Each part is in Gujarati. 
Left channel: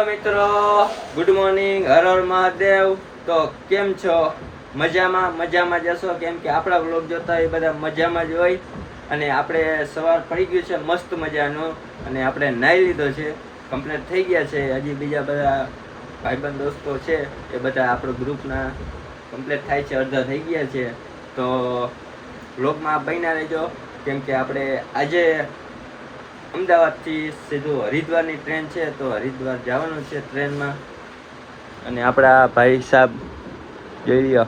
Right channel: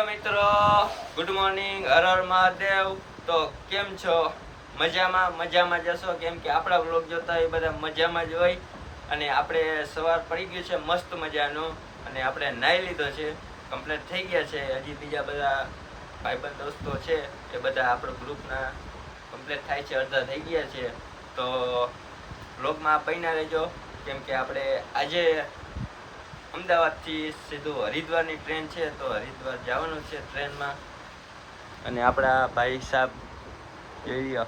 હેલો મિત્રો, ગુડ મોર્નિંગ, હર હર મહાદેવ. તો કેમ છો? મજામાં જશો, કેમ કે આપણા વ્લોગ જોતા એ બધા મજામાં જ હોય. અને આપણે સવાર પડી ગયું છે મસ્ત મજાનું, અને આપણે નાહી લીધો છે, કમ્પ્લીટ થઈ ગયા છે. હજી બીજા બધા ભાઈબંધ દોસ્તો છે એ બધા આપણો ગ્રુપના કમ્પ્લીટ થાય છે, અડધા થઈ ગયા છે. તો વ્લોગમાં બન્યા રહેજો, કેમ કે આપણે આજે અમદાવાદથી સીધું હરિદ્વારની ટ્રેન છે, તો હરિદ્વાર જવાનું છે ટ્રેનમાં. અને આપણા ભાઈ સાહેબ જોઈ લ્યો,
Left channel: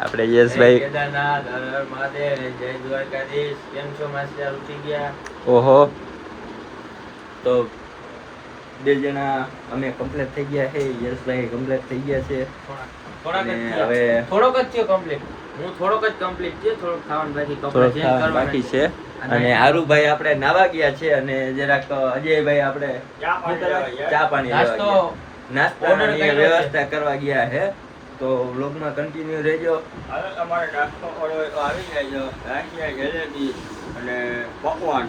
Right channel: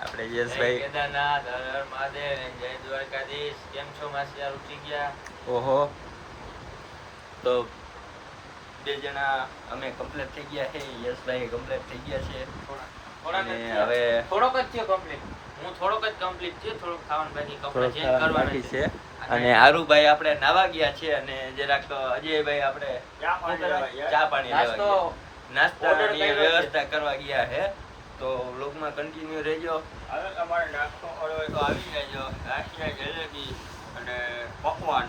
આપણે યશભાઈ. કેદારનાથ, હર હર મહાદેવ, જય દ્વારકાધીશ. કેમ છો માસ્ટર? ઉઠી ગયા? ઓહો, તો બે જણા અમે કમ્પ્લીટ થઈ ગયા છે. યશભાઈ કમ્પ્લીટ થઈ ગયા છે. થોડોક જ થયો કમ્પ્લીટ. હું થોડોક જ કમ્પ્લીટ થયો, થોડોક ખાવાનું બાકી છે. અને હારુભાઈ આપણે નાવા ગયા છે, અને જરાક અજયભાઈ આપણે ચા પાણી નાસ્તાની વ્યવસ્થા કરવા ગયા છે. તો વ્લોગમાં કન્ટિન્યુ રહેજો. હવે તમારે નાસ્તો કરવો હોય તો આવી જાયજો. ગાંઠિયા, જલેબી અને પકવાન,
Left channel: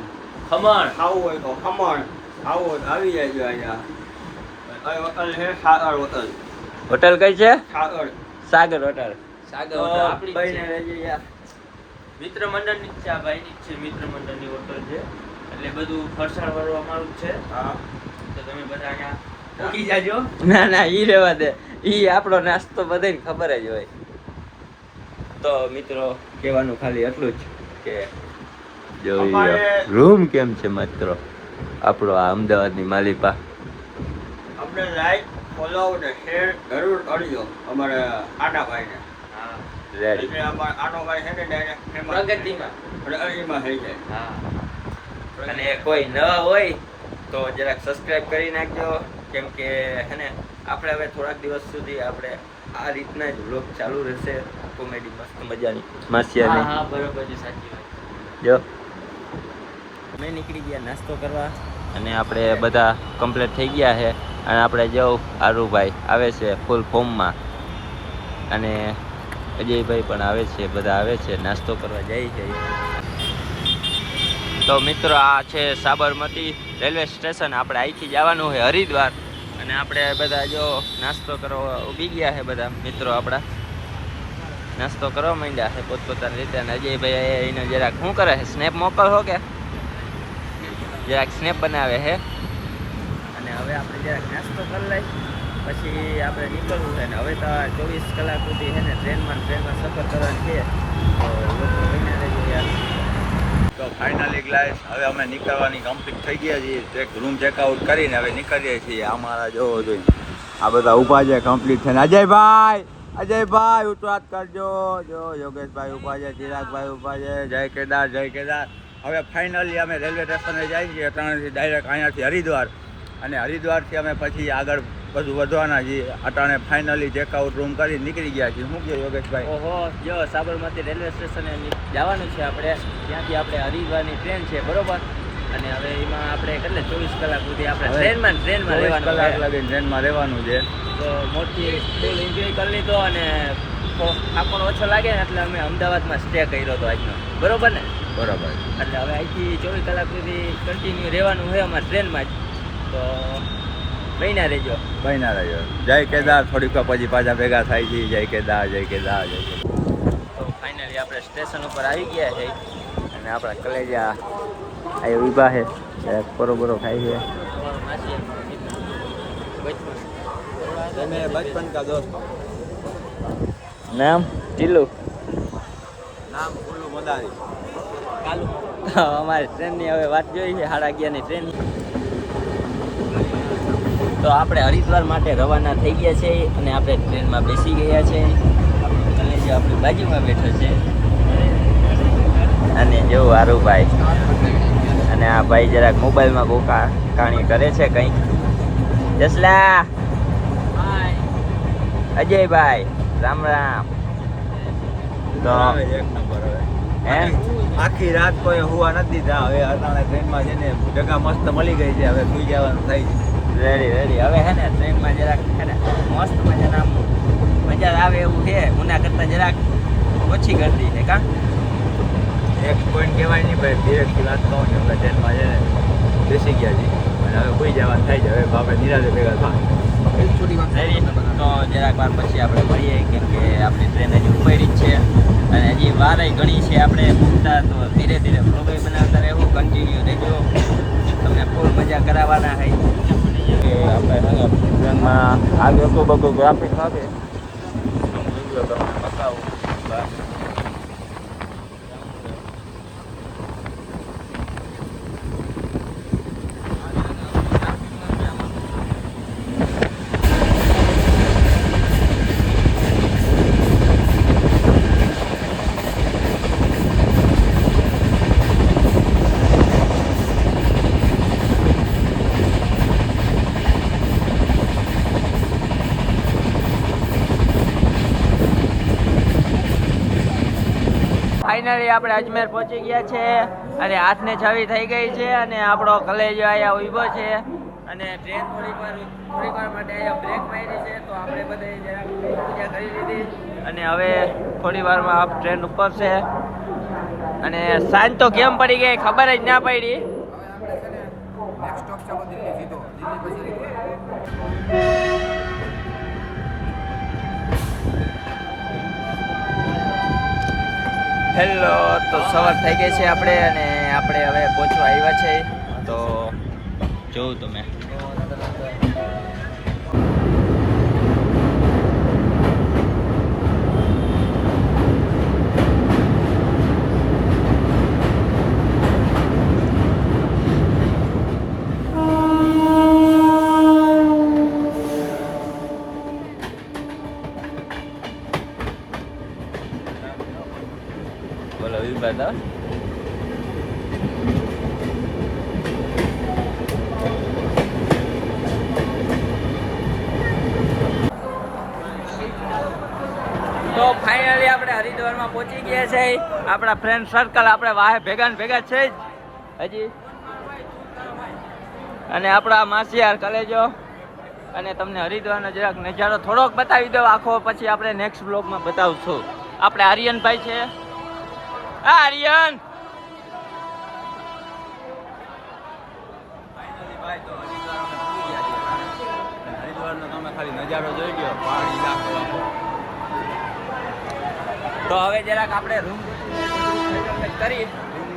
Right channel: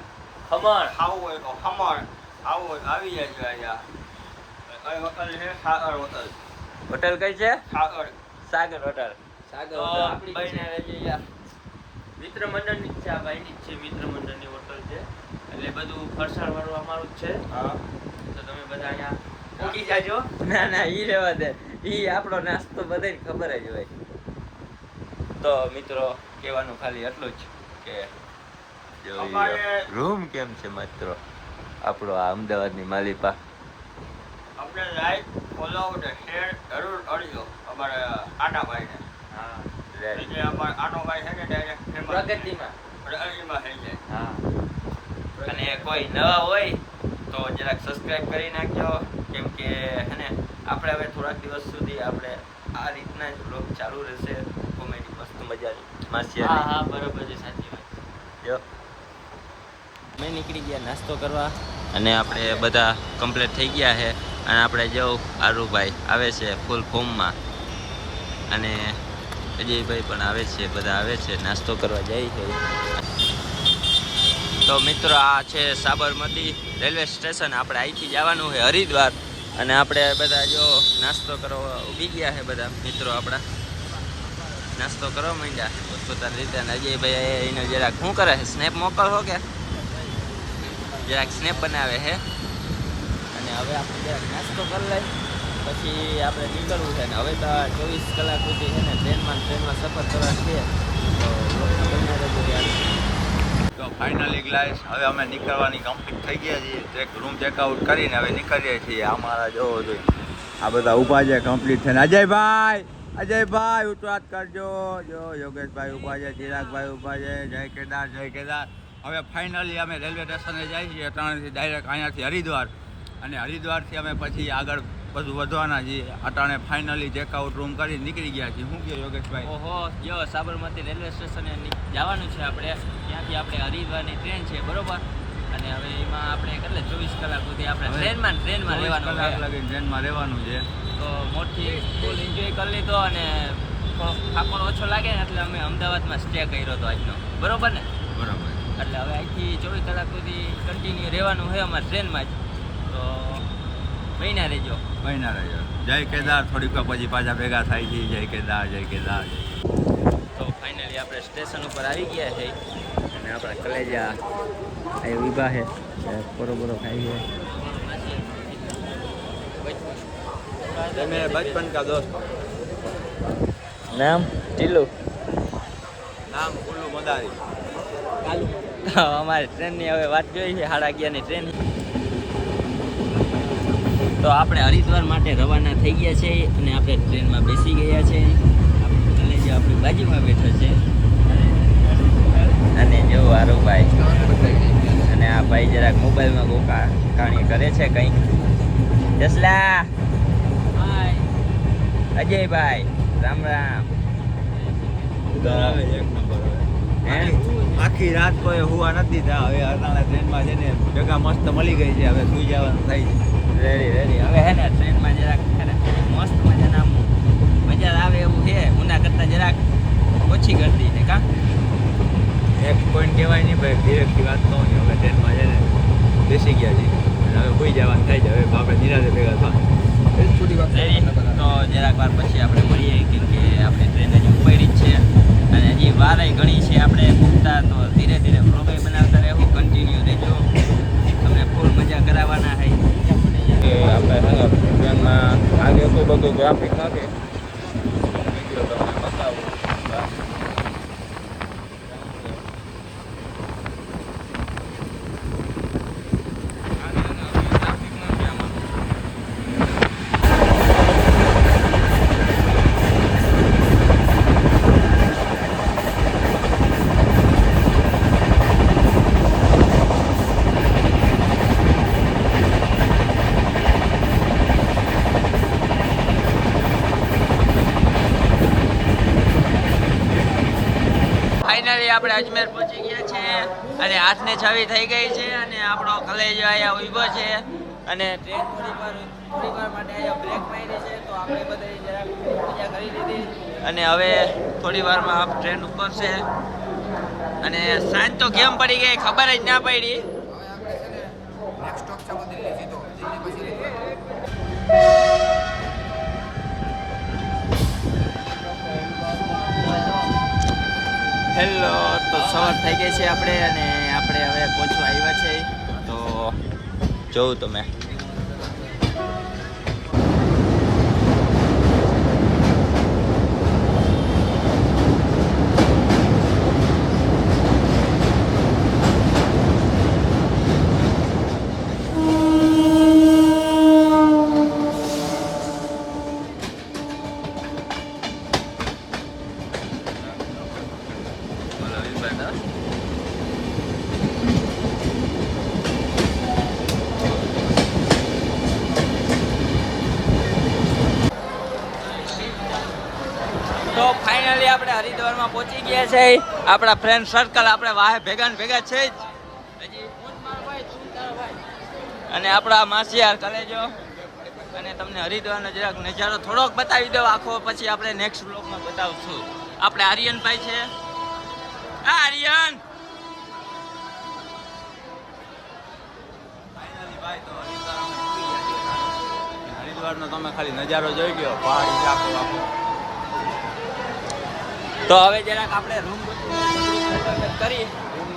ખમણ ખાવું હોય તો ખમણ ખાવું હોય તો આવી જાયજો. અહીંયા હોટલ છે સાગર હોટલ. હોટલ કઈ છે? સાગર હોટલ. બઈને રહેજે યાર. મિત્ર મંડળની છે આ ભાઈની છે, મિત્ર મંડળની હોટલ છે, એટલે બધું ફરસાણ વળવામાં છે. હા, તો તમે બધા અહીંયા મૂકી જાજો. ના ઈ રહેવા દે, ઈ આપણો નાસ્તો બધાને ખબર જ હોય. તો મિત્રો કહેવાનું ખાલી એટલું જ કે જોઈએ રૂમ કેમ છે મિત્રો આપણો આ અમદાવાદની માલિપા. આપણે લાઈક, ફોલો ને શેર જરૂર કરજો અમારે આટાભાઈને. રેડી. અમારે આટાભાઈ છે ને ડાયરેક્ટ પ્રગતિમાં થઈ જાય. અને કોઈ ન હોય તો જરાક સબસ્ક્રાઇબ કરી નાખજો, કેમ કે હે ને આપણે હવે થોડાક દિવસ સુધી આપણે આ રીતના જ વ્લોગ ચાલુ રહેશે. કોમેડી મસ્ત મજાની માસિયાની. હા બરોબર છે, સાચી વાત. જો મેં નીકળી ગયા નાસ્તો કરવા, અને આપણે બધા કમ્પ્લીટ થઈ ગયા છે. અને આપણે જો આરુભાઈ આવે છે ફૂલ ફોર્મમાં, અને અજયભાઈ પણ આવે છે, બધા આવે છે, નાસ્તો કરવા જાય છે. તો મિત્રો આ છે સાબરમતી રેલવે સ્ટેશન. આપણે અહીંથી જવાનું છે હરિદ્વાર, અને આપણે બધા જો નાસ્તો કરવા ઊભી ગયા છે. બધા મિત્રો આપણા નાસ્તો કરવા માંડ્યા છે પોતપોતાની રીતે. અને અજયભાઈ એને જરાક શું કરે છે, સ્નેપ મોકલો કે જરાક સ્નેપ બનાવે છે. અને હવે આપણે જરાક નાસ્તો કરી લઈ, પછી આપણે નીકળવું છે. ને હવે તો 24 કલાક સુધી છે ને ટ્રેનમાં સફર કરવાની છે. તો લોકો બન્યા રહેજો યાર. તો ફાઇનલી ગાઈસ હવે અમે નીકળવાની કમ્પ્લીટ થઈ ગયા છીએ. રૂમ ચેકઆઉટ કરીને હવે નીકળીએ છીએ. અમારા જોવો જોઈએ આ બધા ઊભા છે કમ્પ્લીટ થઈને. અજયભાઈ ઉતરાત કરજો. જો યોગેશભાઈ ઊભા છે, ચિરાગભાઈ ઊભા છે. જય કેદાર. હવે ફાઇનલી અમે રેલવે સ્ટેશને જઈએ છીએ અટાણેથી ડાયરેક્ટ અહીંયાથી હરિદ્વાર. અને હરિદ્વારથી અમે પછી આગળ બધું વધવાના છીએ. અટાણે ફાઇનલી ચેકઆઉટ રૂમ કરી નીકળી ગયા છીએ. શું કહો યોગેશભાઈ? ઓહો, જો સાબરમતી રેલવે સ્ટેશને જવાનું છે આપણે. ત્યાંથી આપણે હરિદ્વારની ટ્રેન છે, બરોબર. અને હવે એમાં આપણે કેટલે 24 કલાક સુધી આપણે ટ્રેનમાં રહેવાનું. કલાક લાગીને ટ્રેનમાં રહેવાનું છે. તો મોટી ફૂલ એન્જોય કરી લીધો, અને થાકોણ ઓછો લાગે ને એટલે અમે અમદાવાદમાં સ્ટે કર્યો હતો આજનો, બરોબર ને? બરાબર. એટલે હવે અહીંથી 24 કલાક સુધી કન્ટિન્યુ રહેવાનું છે અમારે ટ્રેનમાં જ. તો બન્યા રહેજો. જય કેદાર. થોડીક પછી પાછા ભેગા થાય છે. જય કેદાર. તો ફાઇનલી આપણે સ્ટેશન ઉપર આવી ગયા છે, અને આપણા કલેજા અહીં ઊભા છે, બરોબર ખાઈ છે. બચપન કા દોસ્ત. નામ ટીલુ. નામ કુલ્લુ મદારી. અમારી ટ્રેનની હવે વાત જોઈ છે, 11:30ની ટ્રેન. તો આપણે હરિદ્વાર માટે રવાના થઈ ગયા છે, અને આપણે ટ્રેનમાં બેસી ગયા છે. આપણો કલેજો આપણી બાજુમાં બેઠો છે, અને જેવું હારુભાઈ. અને આ ભાઈ જરાક મોબાઈલમાં બહુ કાણી કરે છે કંઈ. જસલા, અજયભાઈ, રામ રામ. તો એક નંબર. હવે આખી રાત કોઈ હુવા નથી દીધા. હવે અટાણે ટ્રેનમાં છે ને જગા મસ્ત મળી ગઈ છે. હવે સુઈ જવાનું થાય છે. રેડી. હવે હે ને ટ્રેનમાં જરાક હે ને મસ્ત મજાના મજા આવે એવું છે. ઉના કરતાં જરાક ઓછી ગરદી છે. કા એક પોઈન્ટ કહેવાય નહીં ભાઈ, ધીરેથી વાત કહું છું. હવે ટ્રેનમાં છે ને પહોંચી ગયા છીએ અને હવે કોઈ જવાનું થાય છે. હવે આપણે નિરાતે ભેગા થાય તો જરાક વાર પછી આપણે મળીએ, કેમ કે આપણી ટ્રેન હજી ઉપડી જ છે અને હજી વારાય ઘણી છે આપણે પૂછતા. તો ધીરે ધીરે વ્લોગ બનાવતા રહેવું, કન્ટિન્યુ રહેજો, તમને ફૂલ મજા કરાવવાના છે. આપણે ટ્રેનમાં આગે તો બધું ટ્રાફિક નથી, તમને બતાવું. ફાઇનલી આપણે અજમેર પહોંચી ગયા છે અને 8:06 થઈ ગઈ છે અને આપણો કલેજો અહીંયા ઊભો છે અને ટ્રેન થોડી વાર માટે અહીંયા બ્રેક મારી છે. તો આપણે બધા જરાક પૂજા કરી લીધી અને હવે થોડી વારમાં આપ ટ્રેન ઉપરશે અને સાંજ તો કેમ પડી ગઈ ખબર જ ના પડી. હેલો, તો સવાર થઈ ગઈ છે આપણે અને આપણે હવે પહોંચવા આવ્યા છે. તો જોઉં તમે બોલો વિભાગ. તો ફાઇનલી આપણે હરિદ્વારમાં પહોંચી ગયા છે. આપણા ફ્રેન્ડ સર્કલ આપણે વાહે ભેગા ને ભેગા છે જ હજી, અને આપણા માસિયાર કલેજો. અને તમને હરિદ્વારનો જરાક નજારો થોડોક બતાવી દો આખો, પછી આપણે નેક્સ્ટ બ્લોગમાં બતાવશું. આપણે આર્યનભાઈ છે. હા આર્યન, ફાઇનલી ભાઈ તો હરિદ્વાર અમે પૂરી ગયા છીએ. હરિદ્વારનો તમે ખાલી નજારો જોઈ ગયો, પાણી લાખો આખો. તો હવે જરાક આપણે રૂમ કરી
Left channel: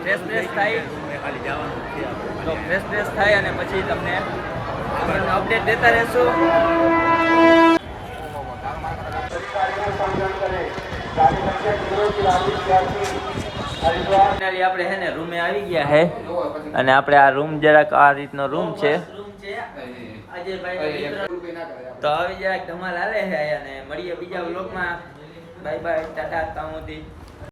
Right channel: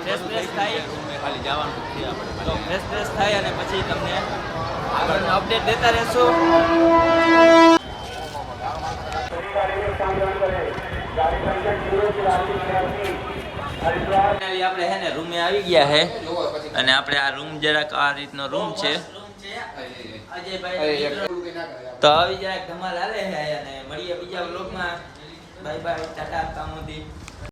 ફ્રેશ થાય, ખાલી જવાનું છે આપણે. તો ફ્રેશ થાય અને પછી તમને આગળનો અપડેટ દેતા રહેશું. ફાઇનલી આપણે હે ને રૂમે આવી ગયા હે અને આપણે આ રૂમ જરાક આ રીતનો રૂમ છે. તો હવે જરાક ધમાલ હાલે છે અને મળીએ બીજા વ્લોગમાં. બાય બાય, ટાટા, કામોદી.